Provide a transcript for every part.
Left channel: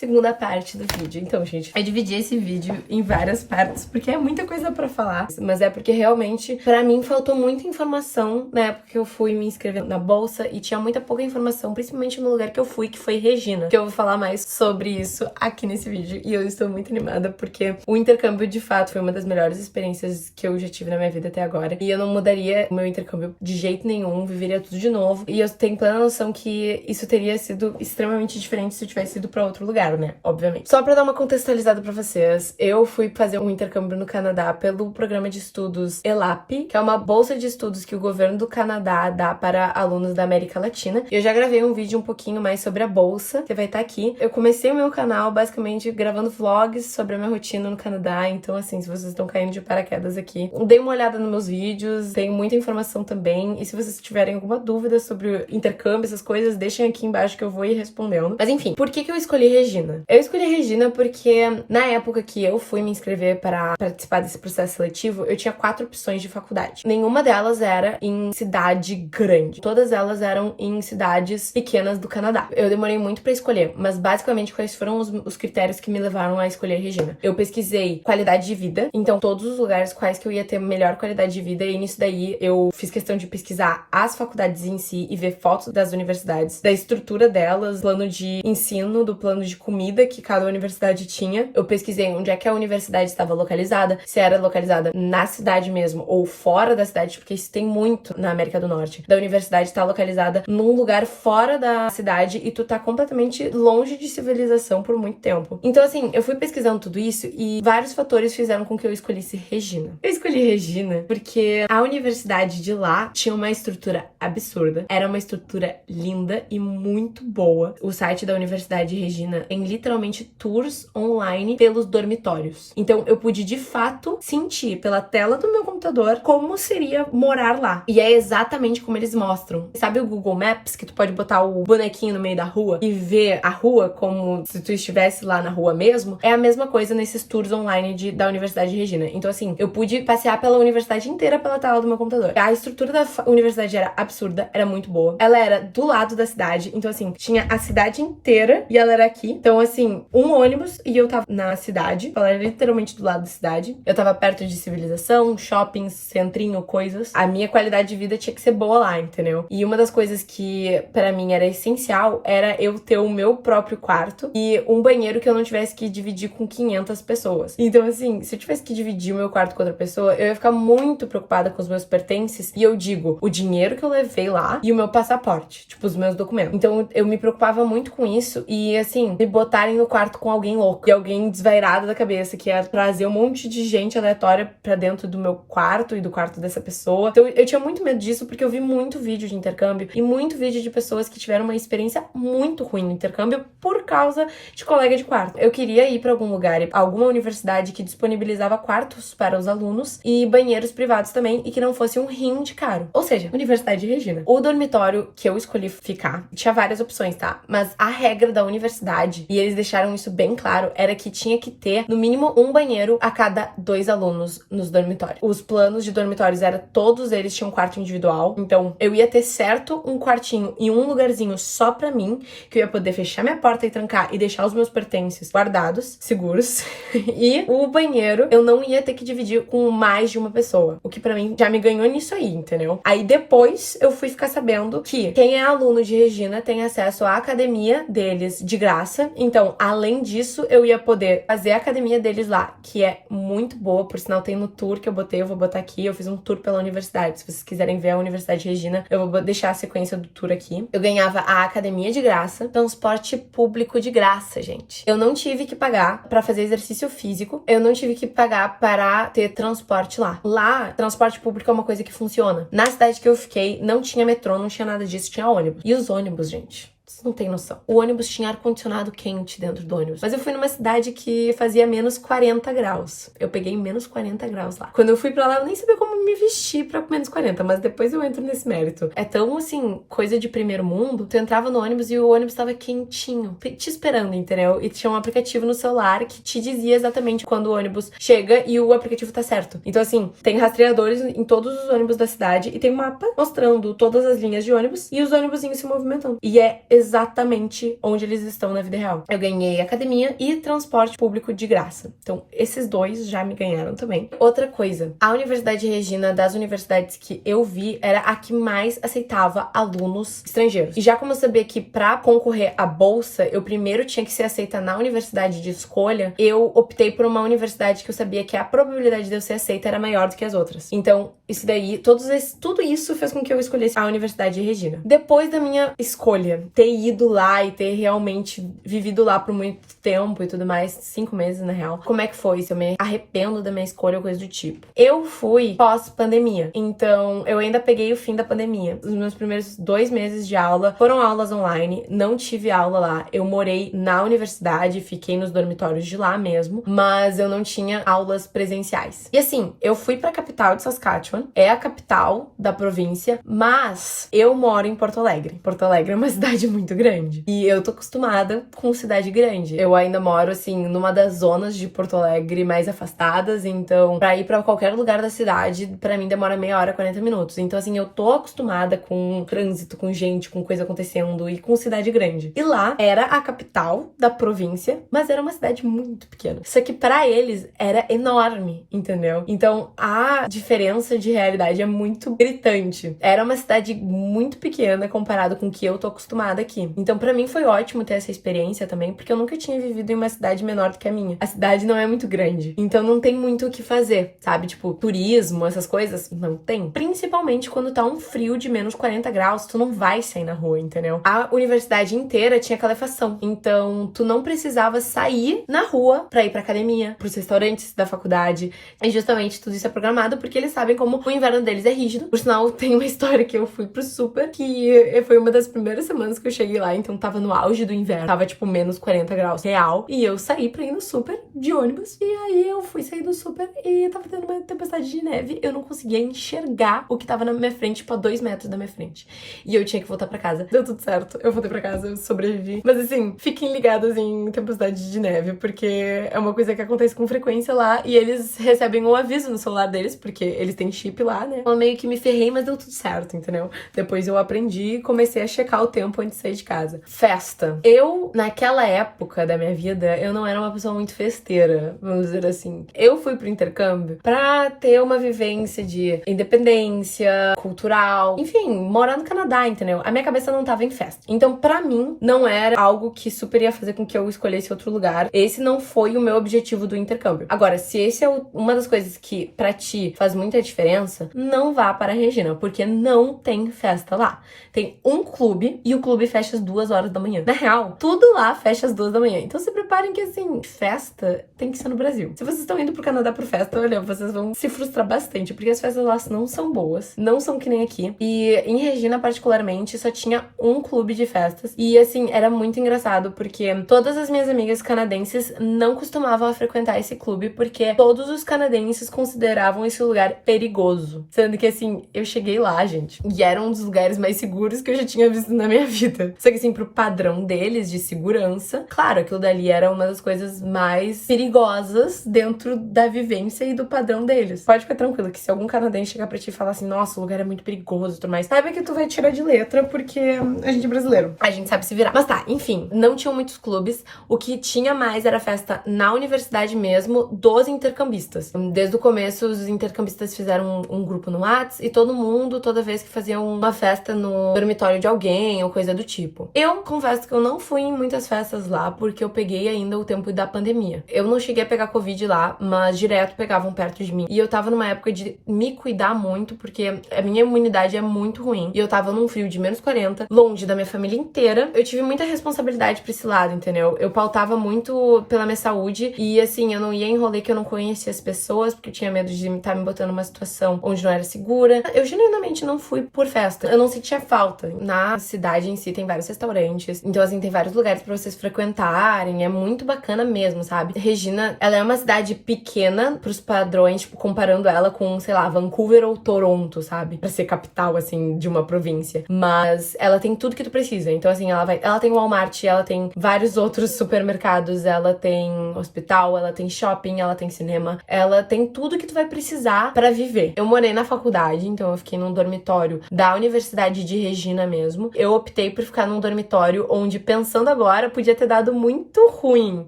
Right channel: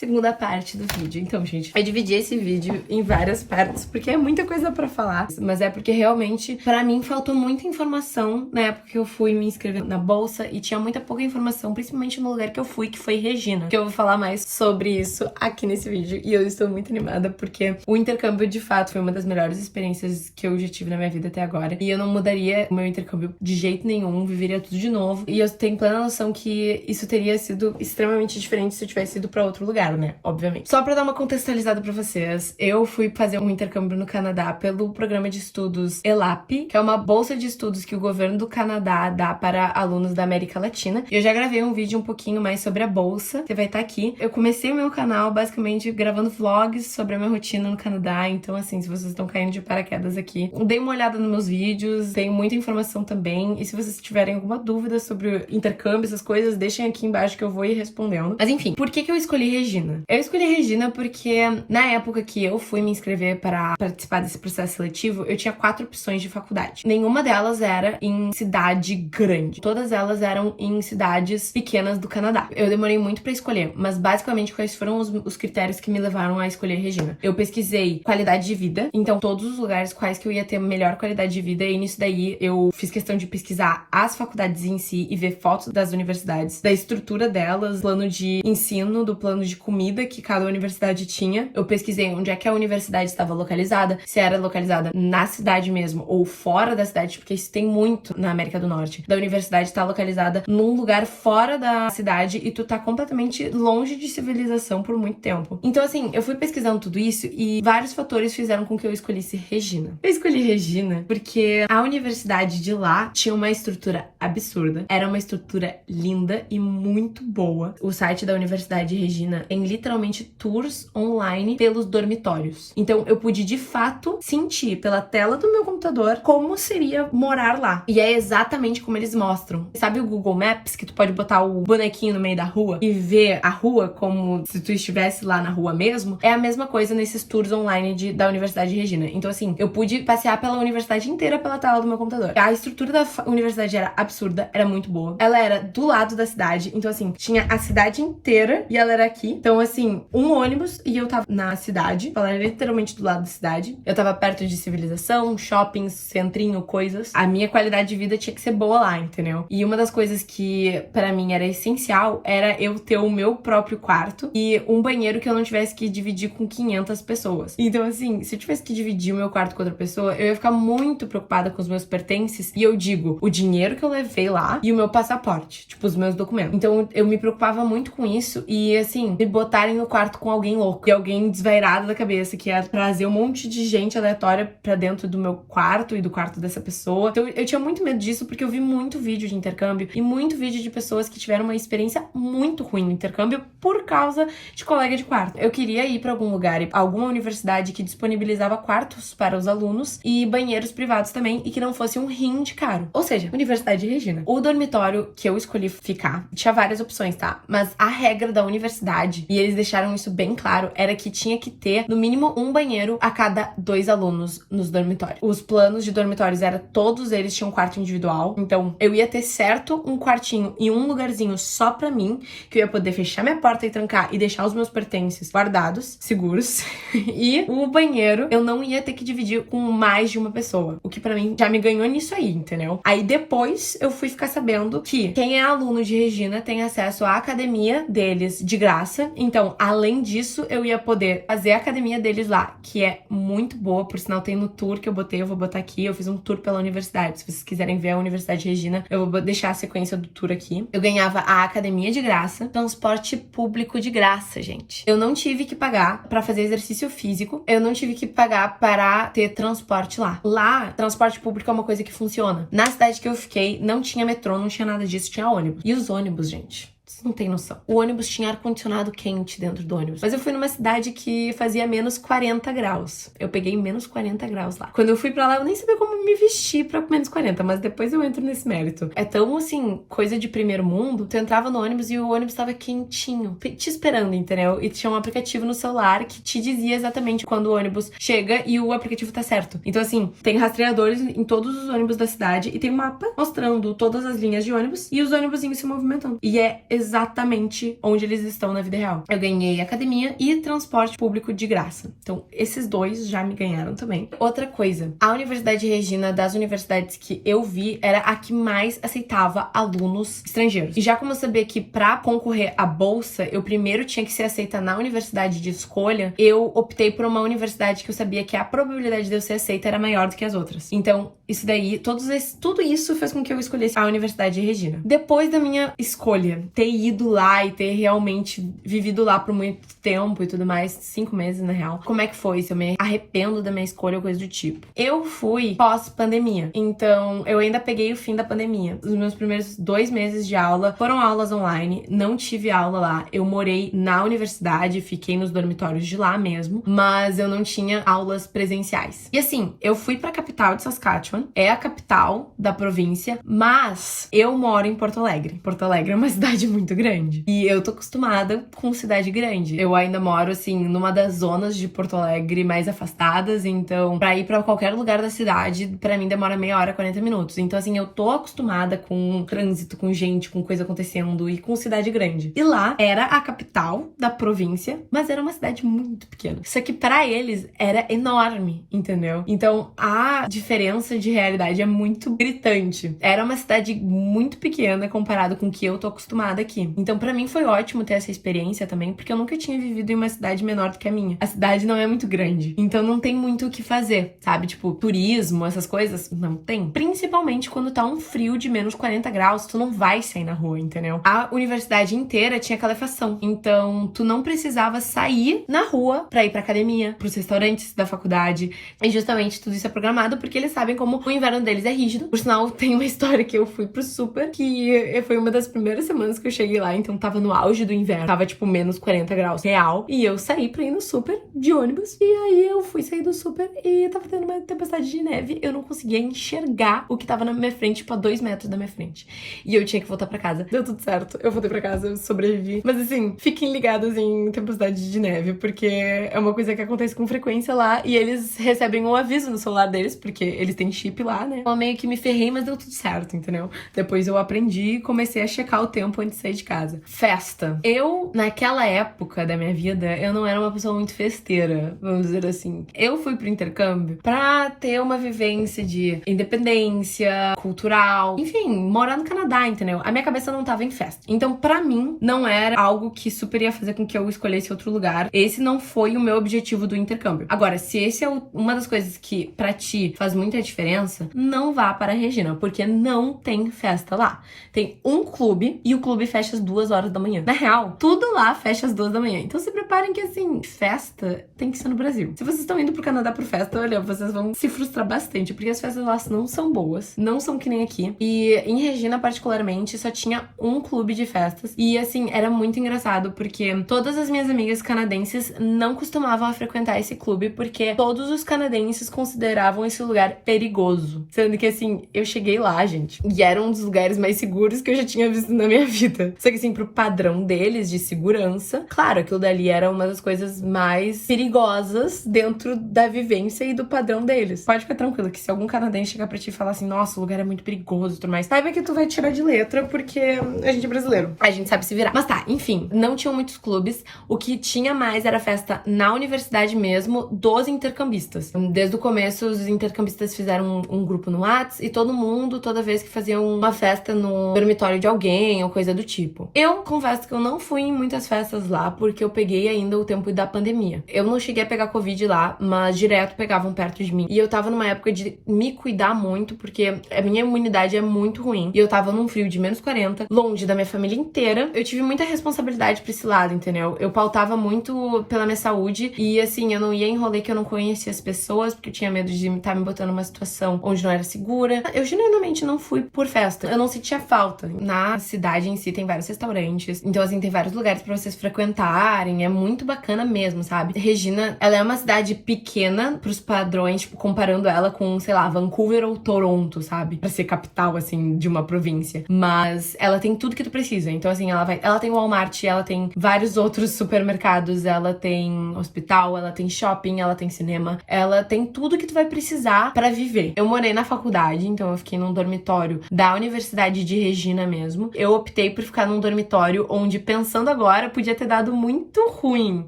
segunda parte do vídeo. Então, gente, eu dividi esse vídeo em várias partes, porque é muita coisa pra falar, mas é porque realmente, pra mim, faltou muita informação na época que eu fui me inscrever na bolsa e tinha muita pouca informação, principalmente no lugar que eu fui, que foi Regina, que eu vou falar mais sobre isso aqui nesse vídeo, e eu estou muito animada, porque o intercâmbio, de fato, foi uma das melhores experiências que eu já tive na minha vida até agora, e eu não mudaria o meu intercâmbio de jeito nenhum, viveria tudo de novo, e eu tenho plena noção que isso teria sido extremamente diferente se eu tivesse ido pra outro lugar, né? Obviamente. Só pra dar uma contextualizada pra vocês, eu fui fazer um intercâmbio no Canadá pelo programa de estudos ELAP, que é uma bolsa de estudos que o governo do Canadá dá para alunos da América Latina. Eu já gravei um vídeo um pouquinho mais sobre a bolsa, que vai estar aqui. Eu comecei o meu canal basicamente gravando vlogs sobre a minha rotina no Canadá, então assim, se vocês estão caindo de paraquedas aqui, dê uma olhada nos meus vídeos, tem muita informação também, e se vocês tiverem alguma dúvida sobre o intercâmbio, essas coisas, deixem aqui embaixo que eu vou ir respondendo. Mas enfim, por que eu escolhi Regina? Eu escolhi Regina porque na época que eu fui me inscrever para participar desse processo seletivo, eu tinha 4 opções de faculdade. Nenhuma delas era em cidade grande. Todas elas eram em cidades pequenas do Canadá. Eu demorei muito para escolher, mas basicamente quais foram os critérios que me levaram a escolher Regina? Eu pesquisei qualidade de vida, então todos os lugares quais que eu ia ter melhor qualidade de vida, e nisso daí eu fiz questão de pesquisar as faculdades em si e ver fotos das universidades, da estrutura delas, plano de ensino, do plano de comida que cada universidade tinha. Eu pesquisei onde é que a universidade estava localizada, se era localizada na cidade mesmo ou fora da cidade, porque isso tem muito na América do Norte. Da universidade estar localizada num lugar fora da cidade e tu tá completamente longe de civilização por muito tempo. Então assim, eu fui pesquisando tudo isso e vários fatores fizeram com que eu escolhesse Regina. Eu escolhi Regina porque a universidade de lá tinha uma estrutura absurda, era uma estrutura linda e muito boa. O site da Universidade de Regina tem literalmente tours online pelos dormitórios. Então eu pude de fato sentir pela tela do meu computador como seria morar lá. E é exatamente como eles mostram. Sabe o Google Maps, que tu pode botar o bonequinho no meio da rua e ver a rua como se tu estivesse lá na rua mesmo? É a mesma coisa nesses tours online da Universidade de Regina. Então assim, eu pude passear pela universidade inteira pela tela do meu computador. A estrutura da universidade era absurda, era muito boa. Ela era do lado da cidade, então assim, tinha a cidade inteira e ela era aqui. Então assim, um ônibus e eu tava na cidade, ela era literalmente do lado da cidade. Eu tava perto de civilização, shoppings, centrinho, coisas. A minha qualidade de vida tinha que ser boa lá, entendeu? E uma das coisas que pra mim era essencial era eu ter o meu próprio quarto e um banheiro que eu não tivesse que dividir com 500 pessoas. Então assim, se eu tivesse que dividir o meu quarto com outra pessoa, eu ia ficar muito preocupada com os meus pertences, e eu digo, o dinheiro que eu levei lá e o meu passaporte, tipo, os meus documentos. Então eu me preocupava muito com isso e assim, me botarem no quarto com alguém louco e alguém desvairado da cabeça, que ia trazer um monte de gente aleatória pra dentro do meu quarto e do quarto dessa pessoa. Então eu tinha muito medo disso porque eu vi muito vídeo de intercâmbio e muito vídeo de pessoas que tiveram uma experiência muito ruim no intercâmbio por causa de colega de quarto. Eu queria ir pra algum lugar, alguma universidade que disponibilizava quartos para os alunos e banheiros privados também, e que não fosse um rim de caro. Ou seja, Universidade de Regina. O dormitório que eu escolhi ficar tinha várias opções, tá? Mas a regra da universidade, e eles deixaram isso bem claro, era que tinha que ter no mínimo um banheiro a cada 2 alunos nos dormitórios. Os planos de dormitórios eram todos eles tinham um quarto individual, então eu ia ter certo um quartinho e um lugarzinho só pra mim, que eu ia poder fechar minha porta e trancar e deixar os meus pertences guardados, seguros. E o banheiro eu não ia ter que dividir com mais de uma pessoa, o que pra mim já me ganhou nisso aí, entendeu? Aí depois eu fui ficar sabendo que quem é aluno de Regina tem acesso à academia deles de graça. Então, além disso, eu ia poder fazer a academia deles lá, que é muito boa, por sinal tem no tour que eu botei, eu vou botar aqui, eu fiz um tour pela universidade. Se vocês quiserem ver a Universidade de Regina, eu vou deixar a sequência do tour aqui. Eu ganhava a academia de graça, transporte público de graça, gente. Eu não tive que pagar pra fazer exercício físico, eu não tive que pagar para ter transporte lá. Lá, transporte público é uma coisa que funciona. Na cidade que eu fiquei, não tinha metrô, não tinha nada disso, tinha ônibus. E os ônibus, gente, vocês não tem noção. O ônibus tinha ar-condicionado quente dentro do ônibus. Mas eu fui numa cidade que fazia menos 40 graus. Eu peguei menos 40 graus lá. Quando eu fui pra lá, eu nem sabia como eu me vesti pra -40, mas depois eu entro nesse mérito. É tão, assim, coisa de primeiro mundo. Tu entrava no ônibus e o ônibus tava quentinho, te esperando, entendeu? E tinha um aplicativo no celular que te dizia exatamente quando o ônibus chega e o aplicativo tá certo. Então, assim, tem rastreadores em todos os ônibus da cidade e tem um mapa mostrando todas as linhas de ônibus e os ônibusinhos se movimentando. E é exatamente onde eles estão na vida real. Eu ganhei academia e transporte público de graça. Então, esses dois já me ganharam também. Outra coisa, a Universidade Regina, das universidades que eu vi, era a que mais aceitava alunos estrangeiros. E já como eu sabia que pra concorrer à bolsa, eu primeiro tinha que ser aceita na universidade de escolha, eu optei por uma universidade que eu sabia que a probabilidade de eu ser aceita era maior do que as outras. Então, isso daí, tudo isso fez com que eu escolhesse a Universidade Regina. Depois da minha escolha, ter ido lá e ter realmente vivido lá por muito tempo e tudo mais, 5 meses na real, como é que foi? Se eu me arrependo da minha escolha ou coisa do tipo. Eu fui pós-pandemia, então eu ainda peguei o fim da pandemia. Os meus primeiros 2 meses de aula foram aulas online, não tive aula lá. Eu morei na universidade, fiquei nos dormitórios de lá mesmo, mas eu não tinha aulas presenciais. E assim, eu fui pra capital de Saskatchewan, é a capital da província, mas eu moro em Porto Alegre. Porto Alegre é uma cidade muito grande e eu tô acostumada com cidade grande. Eu ainda moro, assim, numa das zonas de Porto Alegre mais afastadas, então pra ir pra qualquer lugar da cidade, pra mim demora meia hora, 40 minutos. Então, assim, eu tô acostumada com trânsito, com gente, com coisa acontecendo e com cidade grande. E lá era a capital da província, mas era uma cidade muito pequena. Isso aqui pra eles era enorme, entendeu? Então, a diferença de realidade é muito gritante. Era uma cidade muito pequena comparado com o que eu tô acostumada aqui. Então, pra mim foi ótimo ter essa experiência também, porque eu nunca tinha vivido em uma cidade menor do que a minha. A cidade não é muito grande, então não tem muito o que fazer, sabe? Tipo, turismo, essas coisas, não tem. Principalmente quando tá um frio de -40 graus, tu não vai sair na rua, entendeu? A universidade inteira tinha calefação, então tu não precisava sair na rua pra ir pra academia, pros restaurantes da faculdade, e justamente tudo isso é programado porque eles sabem como o inverno deles é rígido. Por sinal, tem uma história que eu fui pro super, que foi uma das primeiras semanas que eu cheguei lá, então tava no auge do inverno, tava tipo -40 graus real, e eu saí pra ir no super de ônibus, e aí eu fui sair do super e tava tendo uma tempestade de neve, eu não conseguia enxergar o que tava na minha frente, tipo a 2 metros da minha frente, e eu tinha que voltar pra casa. Deu tudo certo, eu voltei pra casa, eu sobrevivi, mas assim, fiquem ligados em tempestade de neve, porque é uma coisa que acontece com frequência lá, e eles recebem um aviso no celular deles, porque eles têm chip lá, né? Eu meio que me ferrei, mas deu tudo certo, entendeu? Depois eu aprendi e comecei a checar o tempo antes de sair de casa. Festa. Eu, naquela época da minha vida, eu não era uma pessoa muito festeira, vamos dizer assim. Eu fui pro intercâmbio pra ter uma vivência de independência cultural, enfim, morar no Canadá, entendeu? A minha cabeça não tava em festa. Então, pra mim, não era algo que super ia fazer com que eu escolhesse outro lugar. Esse não foi o meu objetivo do intercâmbio. Agora, se esse é uma das coisas que pra ti faz muita diferença, não vá para a Regina, porque não tem festa lá. Tem um clube e o clube fecha às 2 horas da manhã. Na real, tudo lá fecha às 2 da manhã. Então se preparem que, assim, festa tem que ser no Brasil. Se vocês estão indo pro Canadá por festa, olha, vocês vão se frustrar bastante, porque as festas lá não são boas, não são que nem aqui. E em Regina, particularmente, só tinha um clube de festas. E, assim, era muito engraçado, porque todas as minhas amigas canadenses não costumavam a frequentar esse clube, porque todos os canadenses consideravam esse lugar perigoso. Sendo que, assim, eu cheguei lá, gente, e era um dos lugares mais seguros que eu já tinha visto na minha vida. Só que, assim, pro padrão deles de segurança, claro, aquilo dali era uma das coisas mais perigosas dentro da vivência e do padrão deles. Pode ficar tranquilo que se algum canadense chegar pra ti e falar assim, nossa, o lugar é muito perigoso e tudo mais, saiba que tu vai tirar de letra, porque a gente é brasileiro. A gente sabe se virar. Mas tá, enfim, não tinham muitos clubes. O que tinha mais era festa na universidade mesmo, dos intercambistas. Desde o começo, os intercambistas fizeram um grupo no Whats e todo mundo, toda vez que faziam uma festa no dormitório de alguém ou coisa do tipo. Eu confesso que eu não fui em muitas festas lá, porque eu peguei ainda o tempo da pandemia. Eu não cheguei a pegar Covid lá, mas direto pegavam perto de mim. E eu tava numa época de me cuidar muito, porque a minha imunidade é muito ruim. E eu tava num frio de -40, longe da minha família inteira. Eu tive muita responsabilidade pra esse lado, entendeu? Eu pautava muito pela minha saúde e, assim, eu não ia em rolê que eu não conhecia as pessoas, porque eu tinha medo de estar me botando numa situação onde não era segura. Eu genuinamente não fui por festa. Eu não sentia falta. Na cidade em si tem vários restaurantes, então, assim, tem vários lugares pra vocês frequentarem. É muito bacana mesmo, sabe? Regina, ela é uma cidade pequena pros padrões, tipo, comparando ela com, sei lá, Vancouver ou Toronto, sabe? Pra ser capital, assim, de uma província. Mas ela tem tudo que tu precisa. Então, assim, ela tem Walmart, ela tem vários outros supermercados, ela tem hospital, ela tem shopping, ela tem cinema, ela tem tudo que tu vai precisar pra viver. Eu morei na faculdade, então eu fiquei num dormitório da Universidade de Regina mesmo. Eu optei por ficar num dormitório onde, pensando agora, podia ter dado muito ruim,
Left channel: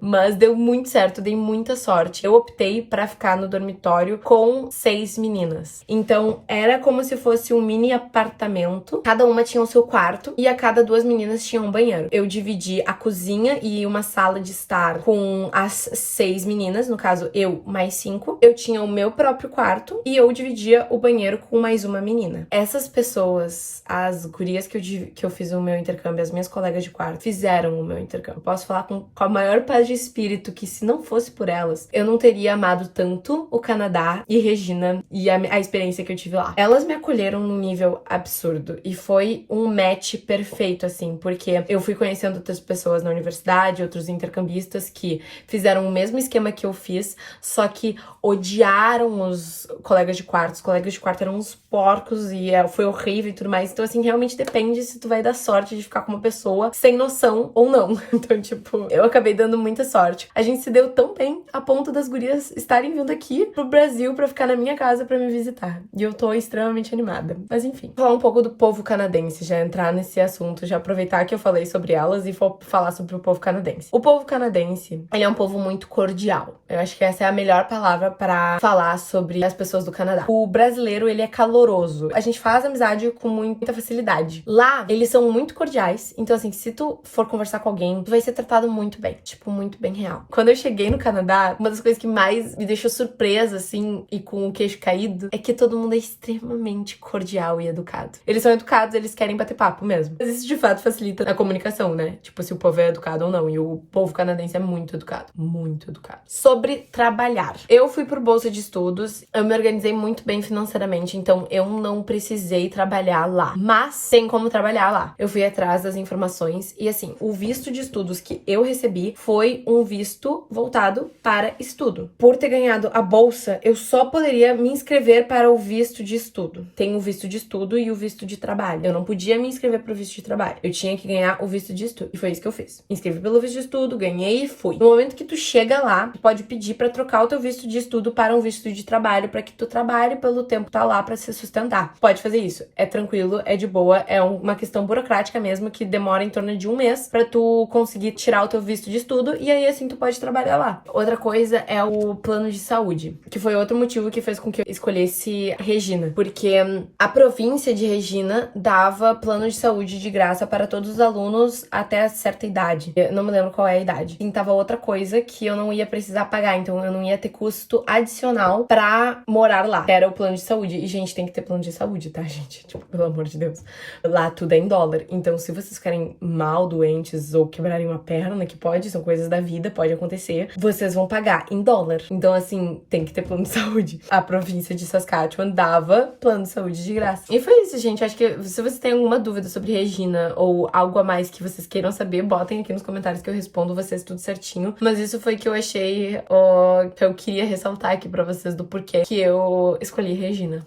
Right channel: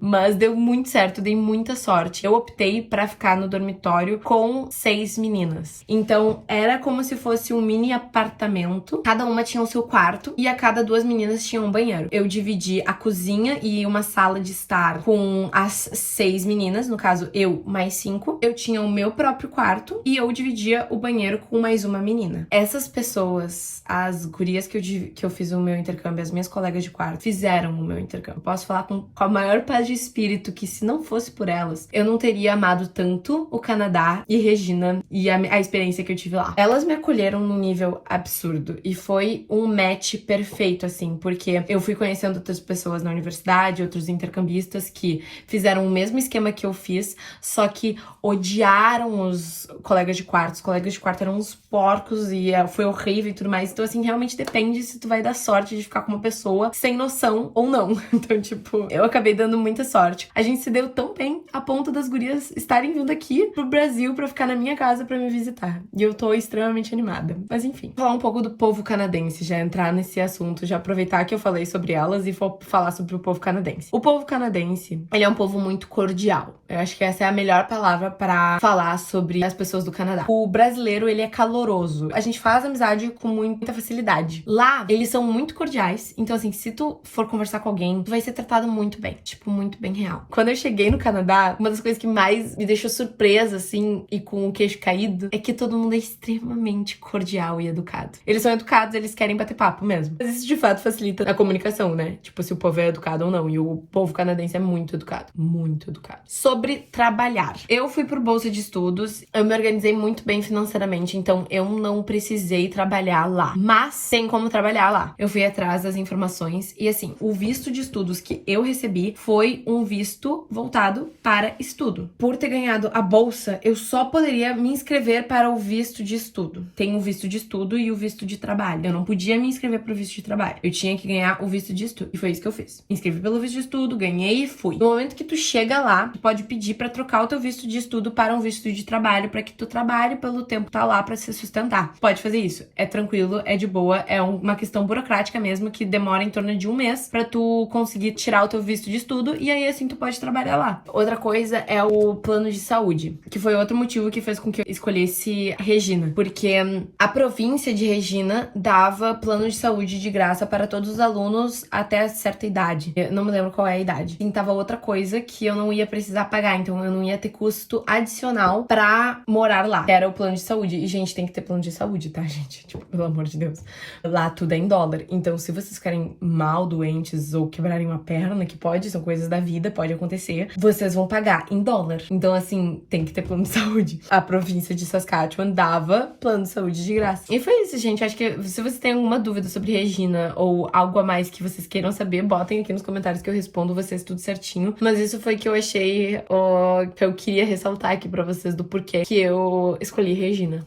mas deu muito certo, dei muita sorte. Eu optei pra ficar no dormitório com 6 meninas. Então, era como se fosse um mini apartamento. Cada uma tinha o seu quarto e a cada 2 meninas tinha um banheiro. Eu dividi a cozinha e uma sala de estar com as 6 meninas, no caso, eu mais 5. Eu tinha o meu próprio quarto e eu dividia o banheiro com mais uma menina. Essas pessoas, as gurias que eu fiz o meu intercâmbio, as minhas colegas de quarto, fizeram o meu intercâmbio. Eu posso falar com a maior paz de espírito que, se não fosse por elas, eu não teria amado tanto o Canadá e Regina e a experiência que eu tive lá. Elas me acolheram num nível absurdo e foi um match perfeito, assim, porque eu fui conhecendo outras pessoas na universidade, outros intercambistas que fizeram o mesmo esquema que eu fiz, só que odiaram os colegas de quarto. Os colegas de quarto eram uns porcos e foi horrível e tudo mais. Então, assim, realmente depende se tu vai dar sorte de ficar com uma pessoa sem noção ou não. Então, tipo, eu acabei dando muita sorte. A gente se deu tão bem a ponto das gurias estarem vindo aqui pro Brasil pra ficar na minha casa pra me visitar. E eu tô extremamente animada. Mas enfim, falar um pouco do povo canadense, já entrar nesse assunto, já aproveitar que eu falei sobre elas e vou falar sobre o povo canadense. O povo canadense, ele é um povo muito cordial. Eu acho que essa é a melhor palavra pra falar sobre as pessoas do Canadá. O brasileiro, ele é caloroso. A gente faz amizade com muita facilidade. Lá, eles são muito cordiais. Então, assim, se tu for conversar com alguém, tu vai ser tratado muito bem. Tipo, muito bem real. Quando eu cheguei no Canadá, uma das coisas que mais me deixou surpresa, assim, e com o queixo caído, é que todo mundo é extremamente cordial e educado. Eles são educados, eles querem bater papo mesmo. Mas isso, de fato, facilita a comunicação, né? Tipo, se o povo é educado ou não. E o povo canadense é muito educado. Muito educado. Sobre trabalhar. Eu fui por bolsa de estudos, eu me organizei muito bem financeiramente, então eu não precisei trabalhar lá. Mas tem como trabalhar lá. Eu fui atrás das informações e, assim, o visto de estudos que eu recebi foi um visto voltado para estudo. Por ter ganhado a bolsa, eu só poderia me inscrever para o visto de estudo. Tem o visto de estudo e o visto de trabalho. Eu não podia me inscrever para o visto de trabalho. Eu tinha que ganhar o visto de estudo. E foi isso que eu fiz. Me inscrevi pelo visto de estudo, ganhei e fui. No momento que tu chega lá, tu pode pedir para trocar o teu visto de estudo para um visto de trabalho, para que tu trabalhe pelo tempo que tá lá para se sustentar. Pode fazer isso. É tranquilo, é de boa, é uma questão burocrática mesmo, que demora em torno de 1 mês para tu conseguir tirar o teu visto de estudo e aí assim tu pode trabalhar lá. Outra coisa é o plano de saúde, que foi outro motivo que fez com que eu escolhesse Regina, porque a província de Regina dava plano de saúde de graça para todos os alunos até certa idade. Eu não me lembro qual é a idade. E tava outra coisa que eu não ia precisar pagar, então eu não ia ter custo adicional pra morar lá. Era o plano de saúde. E, gente, tem que ter plano de saúde, tá, gente? Tipo, pelo amor de Deus. Lá tudo é em dólar. Então, se vocês ficarem mal, doentes ou quebrarem uma perna, que pode, são coisas da vida, pode acontecer, vocês vão pagar em dólar. Então, assim, tem que ter plano de saúde. A província de Saskatchewan dava plano de saúde de graça. E foi isso, gente. Eu acho que se vocês têm alguma dúvida sobre Regina ou algo a mais que vocês queiram saber, botem aqui nos comentários que eu respondo vocês tudo certinho. Mas isso foi que eu achei, que eu queria ressaltar aqui pra vocês do porquê que eu escolhi Regina.